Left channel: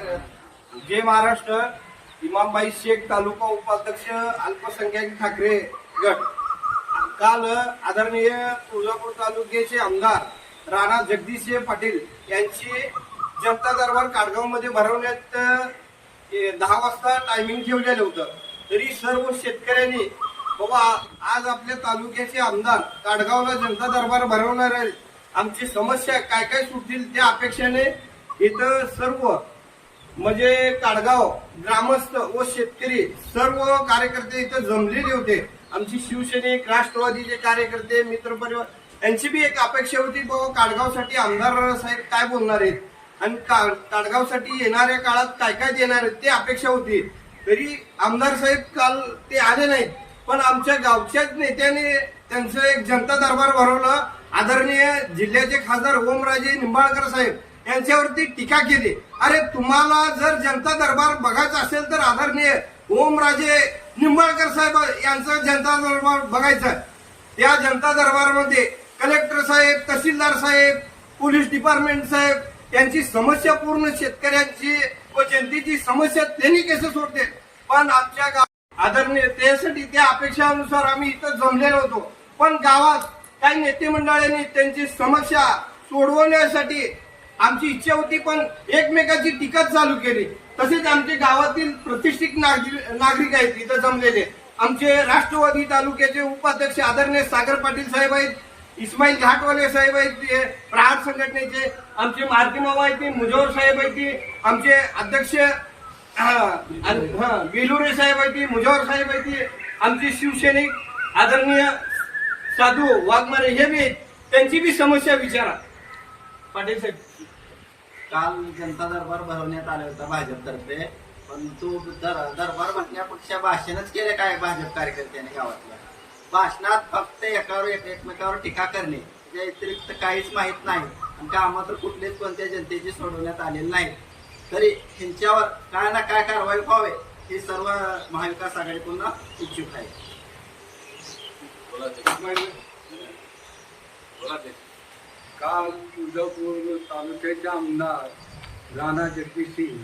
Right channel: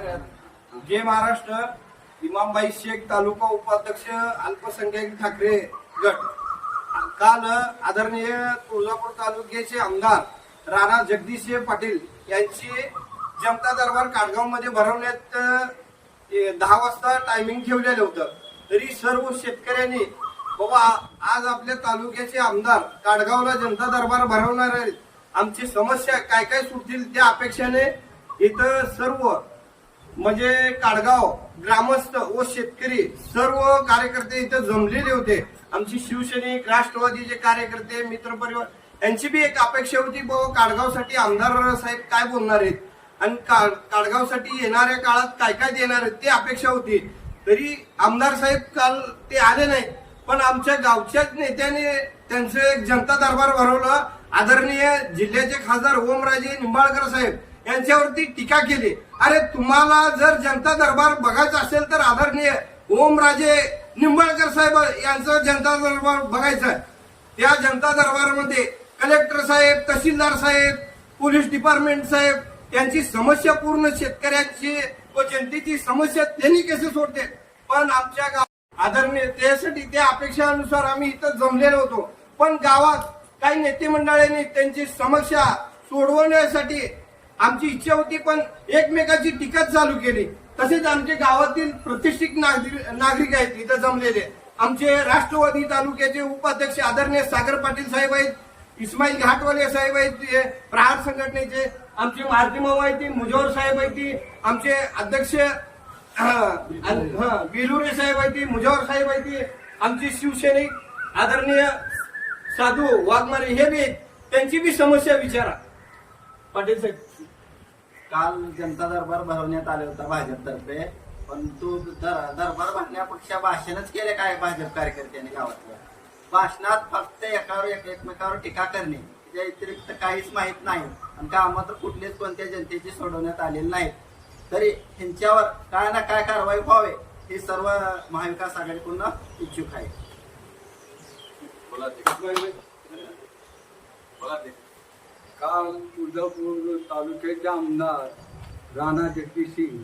जय महाराष्ट्र इमामबाई शेख तालुका उपाध्यक्ष अल्पसंख्याक ठाकरे गट. काल आदरणीय तुळजापूर तालुक्याचे आमदार राणा जगदीशसिंह पाटील यांची जनता दरबार काडगावमध्ये भरवण्यात दहा वाजता टायमिंग ठेवलेलं होतं. तरी सर्व शेतकऱ्यांनी बाबा आज आपल्या तालुक्याचे आमदार काडगावला जनता दरबार भरवणार आहेत. आमची समस्या काय काय सुटतील त्या अपेक्षेने इथं सर्व म्हणजे काडगाव ग्रामस्थ व शेतकरी सर्व कार्यकर्ते इथं जमलेले होते. आमची शिवसैनिक राष्ट्रवादीचे कार्यकर्ते मित्र परिवार यांची बी एक अपेक्षा होती बाबा काडगावसाठी आमदार साहेब काय बोलणार आहेत? आणि का- काडगावसाठी येणाऱ्या काळात काय काय देणार आहेत ते अपेक्षा होती. तरी आमदार साहेब काल ते आले नाहीत. पण आमच्या गावच्याच नेत्याने त्यांचं एक जनता दरबार भरवलं. आदरणीय जिल्ह्याचे खासदार ओमराजे निंबाळकर साहेब. यांच्यावरती टीका केली. अरे तुम्हाला जर जनता दरबार बघायचा असेल तर आदरणीय ओमराजे निंबाळकर साहेब यांचं जनता दरबार बघायचं. त्या जनता दरबारमध्ये कलेक्टर साहेब तहसीलदार साहेब पोलीस डिपार्टमेंट साहेब यांची समस्या पूर्ण शेतकऱ्यांची व जनतेची समस्या त्यांनी कसे सोडते? पण आमच्या गाव आदरणीय त्यासाठी त्या अपेक्षानुसार आम्ही इथं जमलेलो होतो. पण गावात काही नेते मंडळांनी त्यांची समस्या सोडवण्यासाठी आमची इच्छा होती पण एकमेकाची टीका चालू केली. तसेच आमचे गावातील प्रतिष्ठित नागरिक नागरिक आहेत इथं जमलेले. आमचे राष्ट्रवादी तालुक्याचे उपाध्यक्ष आदरणीय सागर पाटील साहेब आहेत इस्माईल घाटवाले साहेब आहेत ते प्रहार संघटनेचे आमचे मारुती आहेत ते मुजोर साहेब आहेत ते आमचे अध्यक्ष हा, साहेब आहेत ते मुजोर साहेब आहेत ते आमचे शिवसैनिक आदरणीय साधू वाघमारे हे बी त्यांची बी समस्या विचारा. पाटील साहेब. काल जनता दरबार भरवण्यात आला होता भाजपतर्फे पण तू दर- दरबार भरण्यापेक्षा भाषणच केले काय भाजप कार्यकर्त्यांनी गावातल्या? भाषणात फक्त एकावर एक एकमेकावर टीका करणे त्या व्यतिरिक्त काहीच माहीत नाही. आणि कामं तर कुठलेच कोणत्या जनतेची सोडवण्यात आलेली नाही तरी ह्यांच्यावर काय ना काय कारवाई व्हावे हे सर्व महाविकास आघाडीकडून इच्छुक आहे काल तुळजापूर तालुक्याचे आमदार राणा जगदीसिंग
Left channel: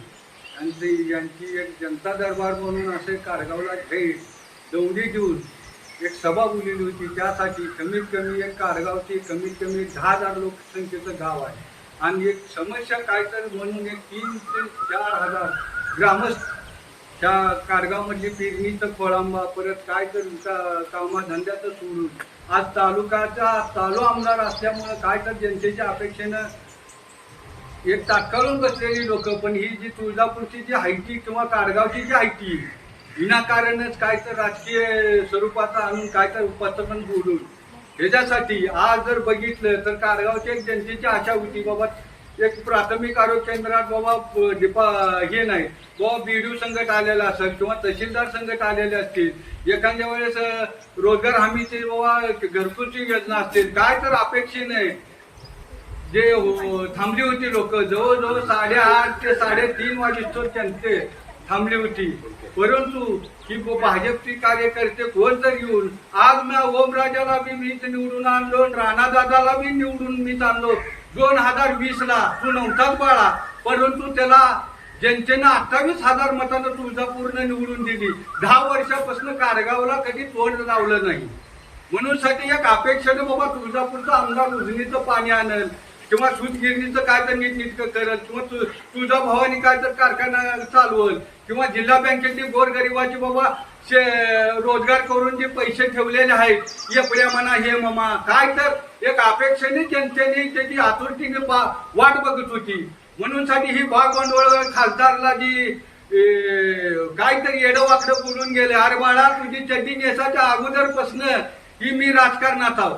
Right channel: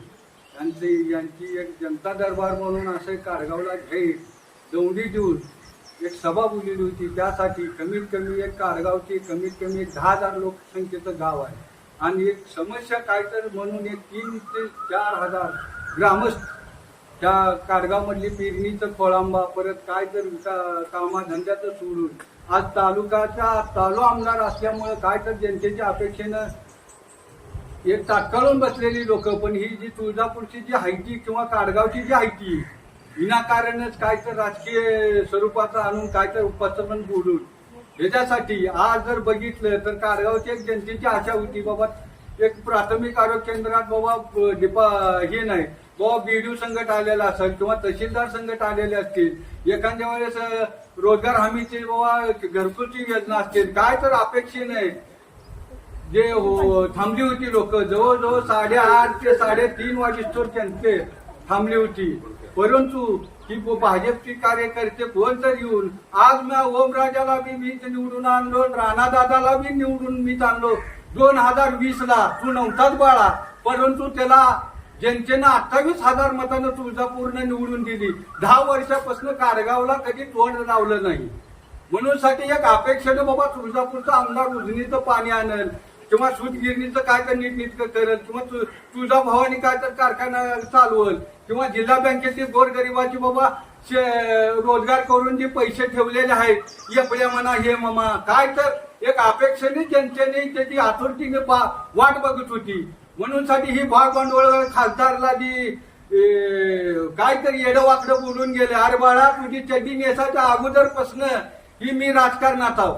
यांची यांची एक जनता दरबार म्हणून असे कारगावला भेट दौडी देऊन एक सभा बोललेली होती. त्यासाठी कमीत कमी एक कारगावची कमीत कमी दहा हजार लोकसंख्येचं गाव आहे. आणि एक समस्या काय तर म्हणून एक तीन ते चार हजार ग्रामस्थ त्या कारगावमधली पेरणीचं फळांबा परत काय तर कामाधंद्याचं सोडून. आज तालुक्याचा चालू आमदार असल्यामुळं काय तर जनतेच्या अपेक्षेनं एक तात्काळून बसलेली लोक पण ही जी तुळजापूरची जी हायटी किंवा कारगावची जी हायटी विनाकारणच काय तर राजकीय स्वरूपाचा आणून काय तर उपस्थापन बोलून. ह्याच्यासाठी आज जर बघितलं तर कारगावच्या एक जनतेची आशा होती बाबा एक प्राथमिक आरोग्य केंद्रात बाबा दीपा डिपा हे नाही. बाबा बी डी संकट आलेला असेल किंवा तहसीलदार संकट आलेले असतील एखाद्या वेळेस रोजगार हमीचे बाबा घरकुलची योजना असतील काय तर अपेक्षेने जे हो थांबली होती लोक जवळजवळ साडेआठ ते साडेतीन वाजेस्तोर त्यांचे थांबली होती. परंतु ही भाजपची कार्यकर्ते कोण तर घेऊन आज ना ओमराजाला बी मीच निवडून आणलो राणा दादाला बी निवडून मीच आणलो. दोन हजार वीस ला तू नव्हताच बाळा. परंतु त्याला जनतेनं अठ्ठावीस हजार मतानं तुळजापूरने निवडून दिली दहा वर्षापासून कारगावला कधी तोड लावलं नाही. म्हणून साठी एक अपेक्षेने बाबा तुळजापूरचा आमदार उजनीचं पाणी आणेल. किंवा सुतगिरणीचं काय तर नीटनीटकं करेल किंवा तु- तुळजा काय तर कारखाना चालवल किंवा जिल्हा बँकेची गोरगरिबाची बाबा शे- रोजगार करून जे पैसे ठेवलेले आहेत एपड्या म्हणा हे ममा काय तर एक अपेक्षेने जनतेने त्याची आतुरतीने बा- वाट बघत होती. म्हणून साठी ही भाग भांडवळ खासदारला जी काहीतरी येडं वाकडं बोलून गेले अरे बाळा तुझी चड्डी नेसाच्या अगोदरपासनं ही मी राजकारणात आहो.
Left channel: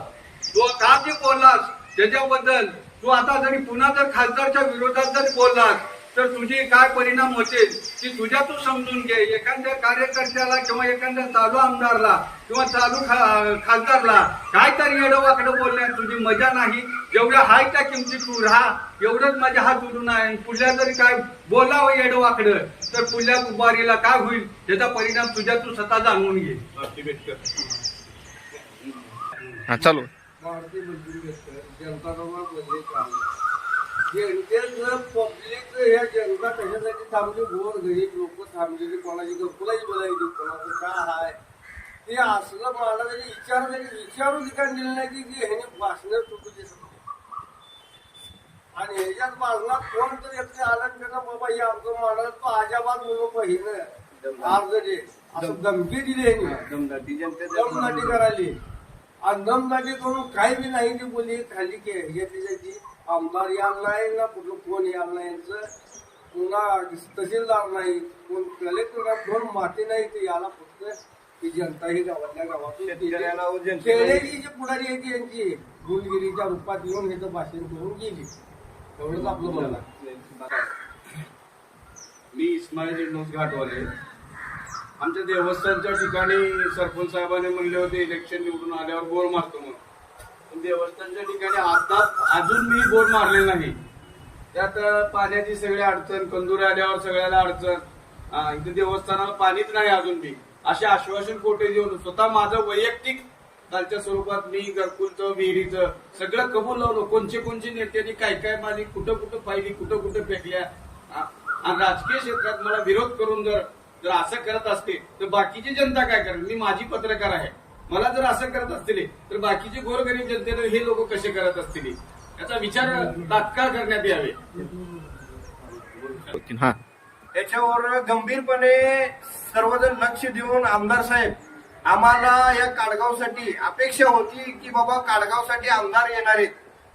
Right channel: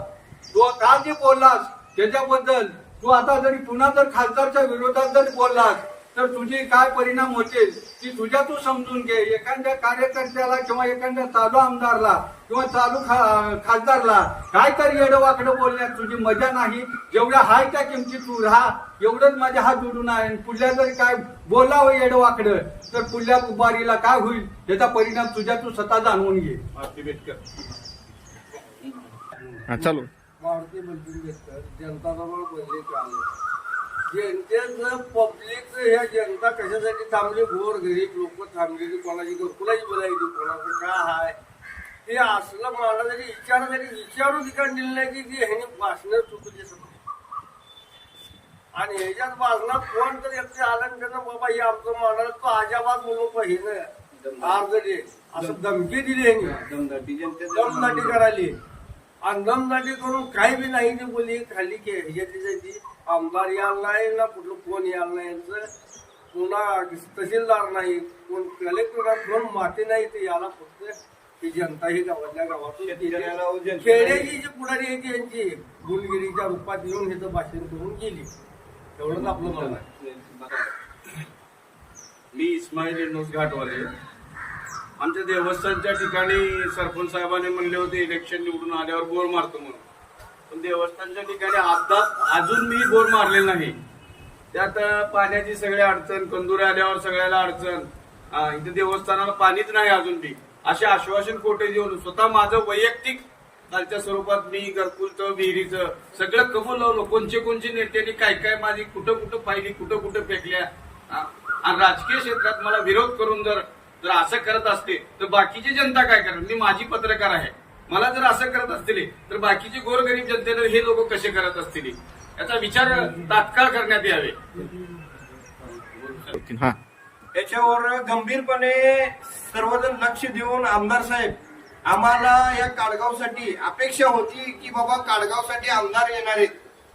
तो का ते बोललास? त्याच्याबद्दल तू आता जरी पुन्हा जर खासदारच्या विरोधात जर बोललास तर तुझे काय परिणाम होतील ती तुझ्या तू समजून घे. एखाद्या कार्यकर्त्याला किंवा एखाद्या चालू आमदारला किंवा चालू खा- खासदारला काय तरी येडं वाकडं बोलण्यात तुझी मजा नाही. जेवढ्या हाय त्या किमतीत तू राहा. एवढंच माझ्या हात जोडून आहे. आणि पुढल्या जरी काय बोलावं येडं वाकडं तर पुढल्या बारीला काय होईल त्याचा परिणाम तुझ्या तू स्वतः जाणवून घे. हा भारतीय मंत्री जनता दरबार बदले काल जनतेचं पब्लिक हे जनता कशासाठी थांबली? गोर गरीब लोक थांबलेली कोणाची घरकुलाची बोलायची कोणाचं काय हाय? ते असलं मला जरी विचार जरी विचारून ठिकाण दिलं नाही की ते ह्याने भाषण दे समजे आणि ह्याच्यात भाषणात कोण तरी एकटे आलं आणि त्यांना बाबा हे आमचं मांडळ तो आजाबाद म्हणून पहिलं. अर्ज दे असं धमकी दिली ह्याने. दमदाटी करायली. आणि दमदाटी करून काही बी नाही ती बोली खाली के त्याची आमदार यायला नाही ना कुठलं कोण यायला नाही यांचं. पुन्हा तहसीलदार नाही. कोण कलेक्टर कोण माती नाही ते याला फक्त ती जनता ही गावातल्या गावातून खेड्याची जी पुढारी आहे ती यांची. गुलगिरीच्या रूपात येऊन इथं भाषण करून गेली. एवढंच आपलं म्हणणं मी इस्माईल इनोस घाटवाले. आमच्या देवस्थानच्या ठिकाणी सरपंच साहेबांनी म्हणले होते इलेक्शन निवडून आल्यावर गोर मारतो म्हणून. पण देवस्थानच्या ठिकाणी आता अजून मी गोर मारले नाही. त्यात पाण्याची सगळी अडचण कंदुरे आल्यावर सगळ्याला अडचण हा, इथे देवस्थानाला पाणीच नाही अजून बी. असे आश्वासन कोटे देऊन? स्वतः माझं वैयक्तिक कालच्या स्वरूपात मी घरकुलचं विहिरीचं सगळं कबूल लावलो. कोणचे कोणचे नेत्यांनी काय काय माझी कुठं कुठं पाहिली कुठं कुठं फेकल्या. आणि राजकीय क्षेत्रात मला विरोध करून जर जर असं करत असते तर बाकीची जनता काय करेल मी माझी पत्रकार आहे. मला जर असं करत असतील तर बाकीचे गोरगरीब जनतेनं हे लोक कसे करत असतील? याचा विचार तात्काळ करण्यात यावे. हा. याच्यावर गंभीरपणे सर्वजण लक्ष देऊन आमदार साहेब आम्हाला या काडगावसाठी अपेक्षा होती की बाबा काडगावसाठी आमदार येणार आहेत.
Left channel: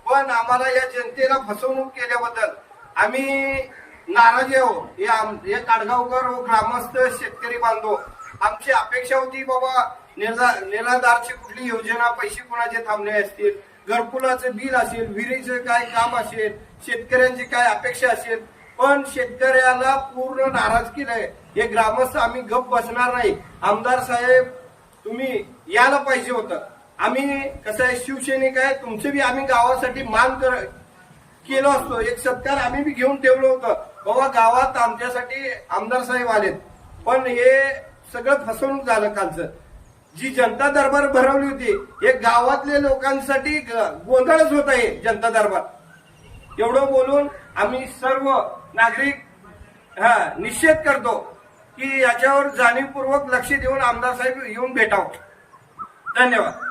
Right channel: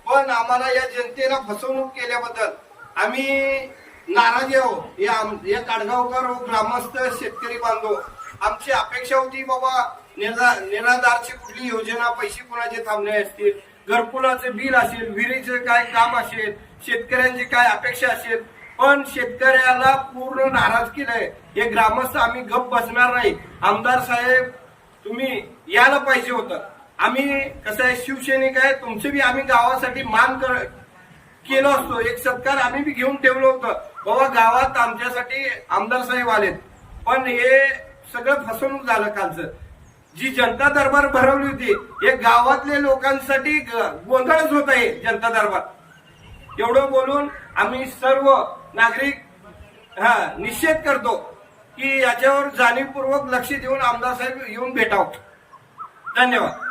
पण आम्हाला या जनतेला फसवणूक केल्याबद्दल आम्ही नाराज आहो हे आम- हे काडगावकर ग्रामस्थ शेतकरी बांधव आमची अपेक्षा होती बाबा निराधारची कुठली योजना पैसे कोणाचे थांबले असतील घरकुलाचं बिल असेल विहिरीचं काय काम असेल शेतकऱ्यांची काय अपेक्षा असेल पण शेतकऱ्याला पूर्ण नाराज केलंय. हे ग्रामस्थ आम्ही गप बसणार नाही. आमदार साहेब तुम्ही यायला पाहिजे होतं. आम्ही कसं आहे शिवसैनिक आहे तुमचे बी आम्ही गावासाठी मान कर केलो असतो. एक सत्कार आम्ही बी घेऊन ठेवलं होतं. बाबा गावात आमच्यासाठी आमदार साहेब आलेत. पण हे सगळं फसवणूक झालं कालचं. जी जनता दरबार भरवली होती हे गावातल्या लोकांसाठी ग- गोंधळच होत आहे जनता दरबार. एवढं बोलून आम्ही सर्व नागरिक हा निषेध करतो की याच्यावर जाणीवपूर्वक लक्ष देऊन आमदार साहेब येऊन भेटावं. धन्यवाद.